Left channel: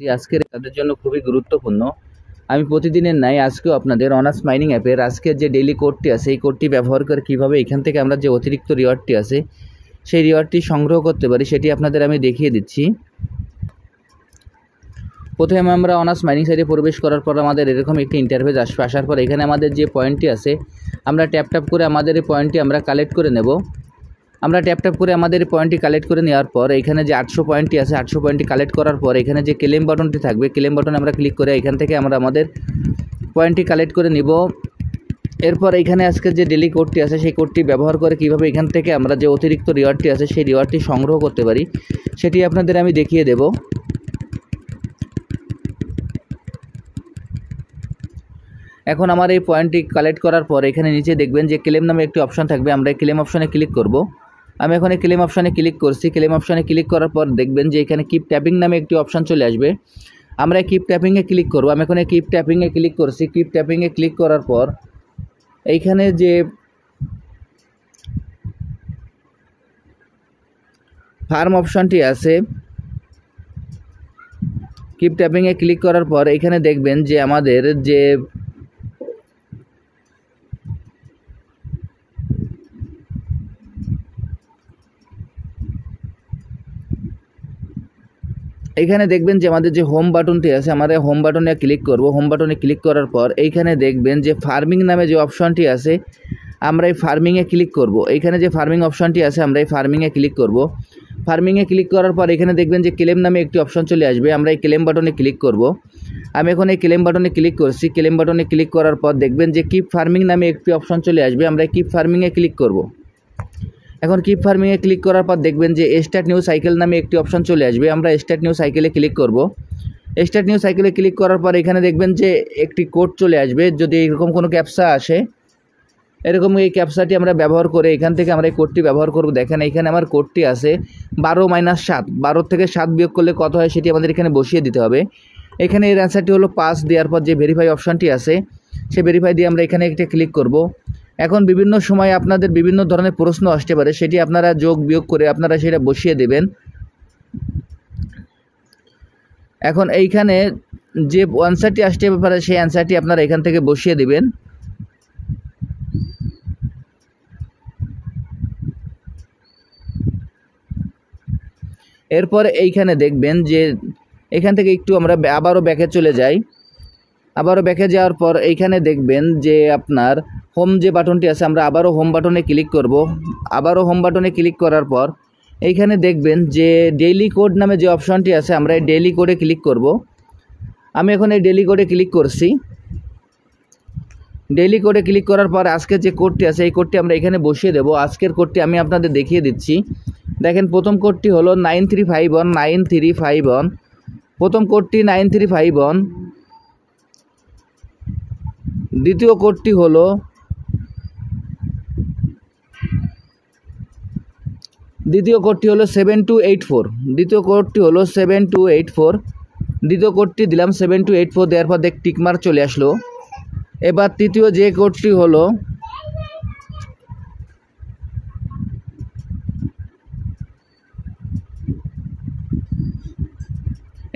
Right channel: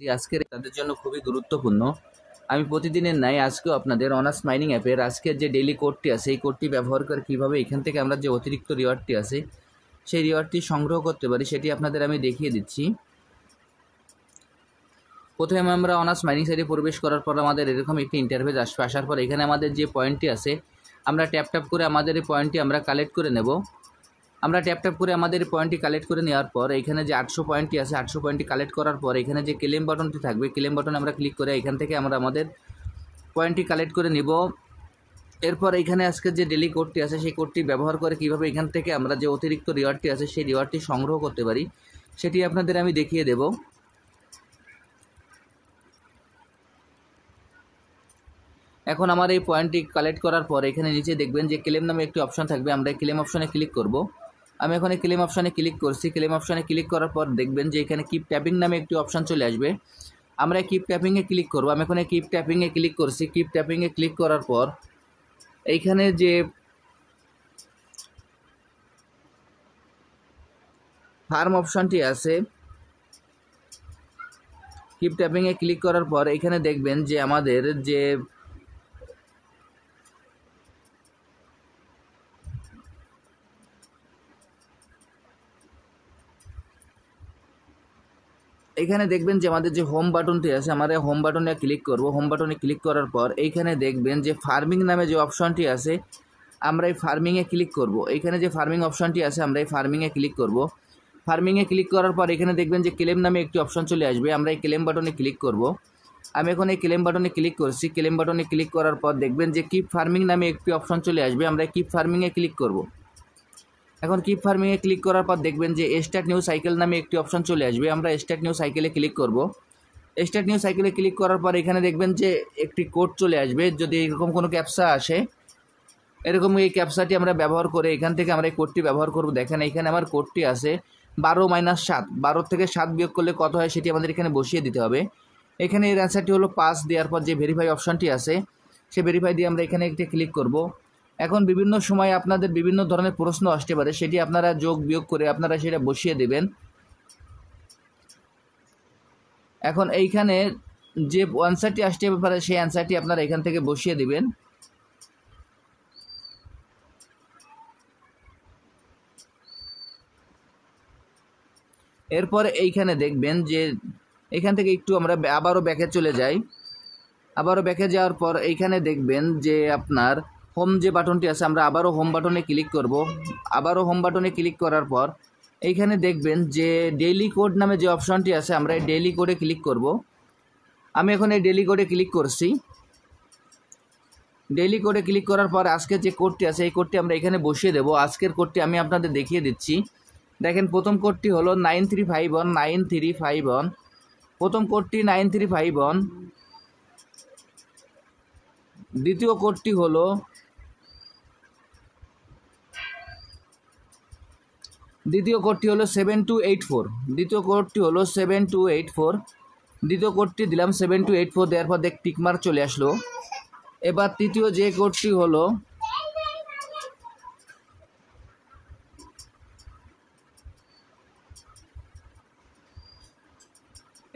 আজকের তাদের জন্য খুবই গুরুত্বপূর্ণ। আমি প্রতিদিনের ন্যায় আজকেও আপনাদের অনার্স মাইনিং অ্যাপের আজকের যে ডেইলি কোডটি আছে এই কোডটি ব্যবহার করে কীভাবে এখান থেকে আমরা যে অতিরিক্ত রিওয়ার্ডটি আছে সেই রিওয়ার্ডটি সংগ্রহ করতে পারি সেটি আপনাদের আমি দেখিয়ে দিচ্ছি। প্রথমে আমরা অনার্স মাইনিং সাইটে প্রবেশ করার পর আমাদের এরকম একটি ইন্টারফেস আসবে। আসার পর এখানে আমাদের যে পয়েন্টটি আছে আমরা ট্যাপ করে আমাদের এই পয়েন্টটি আমরা কালেক্ট করে নেব। আমরা ট্যাপ করে আমাদের পয়েন্টটি কালেক্ট করে নেওয়ার পর এখানে যে 800 পয়েন্টটি আছে 800 পয়েন্টটি কালেক্ট করার পর এখানে যে ক্লেম বাটনটি থাকবে ক্লেম বাটনে আমরা ক্লিক করে এখান থেকে আমরা আমাদের পয়েন্টটি কালেক্ট করে নিব। এরপর এখানে আজকে যে ডেইলি কোডটি আছে সেই কোডটি ব্যবহার করে কিভাবে এখান থেকে আমরা যে অতিরিক্ত রিওয়ার্ডটি আছে সেই রিওয়ার্ডটি সংগ্রহ করতে পারি সেটি আপনাদের আমি দেখিয়ে দেব। এখন আমার এই পয়েন্টটি কালেক্ট করার পর এখানে নিচে দেখবেন যে ক্লেম নামে একটি অপশন থাকবে। আমরা এই ক্লেম অপশনে ক্লিক করব। আমি এখন এই ক্লেম অপশনে ক্লিক করছি। ক্লেম অপশনে ক্লিক করার পর দেখবেন যে এখানে কিপ ট্যাপিং নামে একটি অপশন চলে আসবে। আমরা কিপ ট্যাপিংয়ে ক্লিক করব। আমি এখন এই কিপ ট্যাপিংয়ে ক্লিক করছি। কিপ ট্যাপিংয়ে ক্লিক করার পর এইখানে যে ফার্ম অপশনটি আছে কিপ ট্যাপিংয়ে ক্লিক করার পর এখানে দেখবেন যে আমাদের যে এইখানে দেখবেন যে আমাদের যে হোম বাটনটি আছে আমরা হোম বাটনে ক্লিক করব। হোম বাটনে ক্লিক করার পর এইখানে দেখবেন যে ফার্মিং নামে যে অপশনটি আছে আমরা এই ফার্মিংয়ে ক্লিক করব। এইখানে যে ফার্মিং অপশনটি আছে আমরা এই ফার্মিংয়ে ক্লিক করব। ফার্মিংয়ে ক্লিক করার পর এখানে দেখবেন যে ক্লেম নামে একটি অপশন চলে আসবে। আমরা এই ক্লেম বাটনে ক্লিক করব। আমি এখন এই ক্লেম বাটনে ক্লিক করছি। ক্লেম বাটনে ক্লিক করার পর দেখবেন যে কিপ ফার্মিং নামে একটি অপশন চলে আসবে। আমরা কিপ ফার্মিংয়ে ক্লিক করব। এখন কিপ ফার্মিংয়ে ক্লিক করার পর দেখবেন যে স্টার্ট নিউ সাইকেল নামে একটি অপশন চলে আসবে। আমরা স্টার্ট নিউ সাইকেলে ক্লিক করব। স্টার্ট নিউ সাইকেলে ক্লিক করার পর এখানে দেখবেন যে একটি কোড চলে আসবে। যদি এরকম কোনো ক্যাপচা আসে এরকম এই ক্যাপচাটি আমরা ব্যবহার করে এখান থেকে আমরা এই কোডটি ব্যবহার করব। দেখেন এখানে আমার কোডটি আছে 12-7। 12 থেকে 7 বিয়োগ করলে কত হয় সেটি আমাদের এখানে বসিয়ে দিতে হবে। এখানে এর অ্যান্সারটি হলো 5 দেওয়ার পর যে ভেরিফাই অপশনটি আছে সেই ভেরিফাই দিয়ে আমরা এখানে একটা ক্লিক করব। এখন বিভিন্ন সময় আপনাদের বিভিন্ন ধরনের প্রশ্ন আসতে পারে সেটি আপনারা যোগ বিয়োগ করে আপনারা সেটা বসিয়ে দেবেন। এখন এইখানে যে অ্যান্সারটি আসতে পারে সেই অ্যান্সারটি আপনারা এখান থেকে বসিয়ে দেবেন। এরপর এইখানে দেখবেন যে এখান থেকে একটু আমরা আবারও ব্যাকে চলে যাই। আবারও ব্যাকে যাওয়ার পর এইখানে দেখবেন যে আপনার হোম যে বাটনটি আছে আমরা আবারও হোম বাটনে ক্লিক করব। আবারও হোম বাটনে ক্লিক করার পর এইখানে দেখবেন যে ডেইলি কোড নামে যে অপশনটি আছে আমরা এই ডেইলি কোডে ক্লিক করব। আমি এখন এই ডেইলি কোডে ক্লিক করছি। ডেইলি কোডে ক্লিক করার পর আজকের যে কোডটি আছে এই কোডটি আমরা এখানে বসিয়ে দেব। আজকের কোডটি আমি আপনাদের দেখিয়ে দিচ্ছি। দেখেন প্রথম কোডটি হলো 9351 প্রথম কোডটি 9351। দ্বিতীয় কোডটি হলো 7284। দ্বিতীয় কোডটি হলো 7284। দ্বিতীয় কোডটি দিলাম 7284 দেওয়ার পর দেখ টিকমার্ক চলে আসলো। এবার তৃতীয় যে কোডটি হলো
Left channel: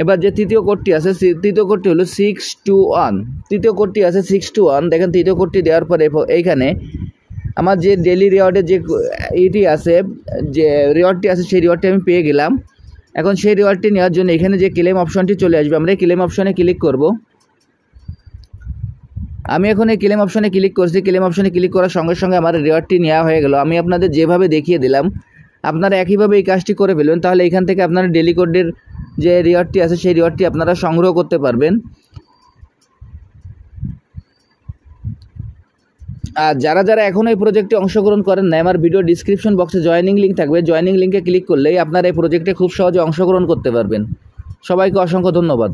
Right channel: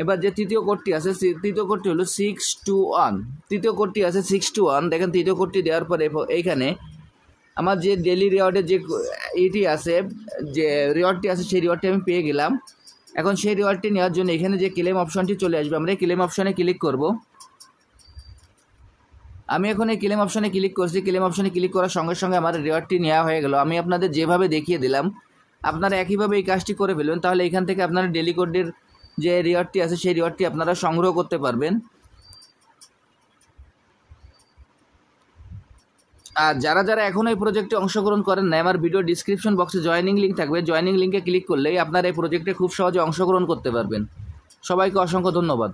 এবার যে তৃতীয় কোডটি আছে তৃতীয় কোডটি হলো 621। তৃতীয় কোডটি আছে 621। দেখেন তৃতীয় কোডটি দেওয়ার পরে এইখানে আমার যে ডেইলি রিওয়ার্ডের যে ইটি আছে যে রিওয়ার্ডটি আছে সেই রিওয়ার্ডটি আমি পেয়ে গেলাম। এখন সেই রিওয়ার্ডটি নেওয়ার জন্য এখানে যে ক্লেম অপশনটি চলে আসবে আমরা এই ক্লেম অপশনে ক্লিক করব। আমি এখন এই ক্লেম অপশনে ক্লিক করছি। ক্লেম অপশনে ক্লিক করার সঙ্গে সঙ্গে আমার রিওয়ার্ডটি নেওয়া হয়ে গেল। আমি আপনাদের যেভাবে দেখিয়ে দিলাম আপনারা একইভাবে এই কাজটি করে ফেলবেন। তাহলে এখান থেকে আপনারা ডেইলি কোডের যে রিওয়ার্ডটি আছে সেই রিওয়ার্ডটি আপনারা সংগ্রহ করতে পারবেন। আর যারা যারা এখনও এই প্রজেক্টে অংশগ্রহণ করেন না আমার ভিডিও ডিসক্রিপশন বক্সে জয়েনিং লিঙ্ক থাকবে। জয়েনিং লিঙ্কে ক্লিক করলেই আপনারা এই প্রজেক্টে খুব সহজে অংশগ্রহণ করতে পারবেন। সবাইকে অসংখ্য ধন্যবাদ।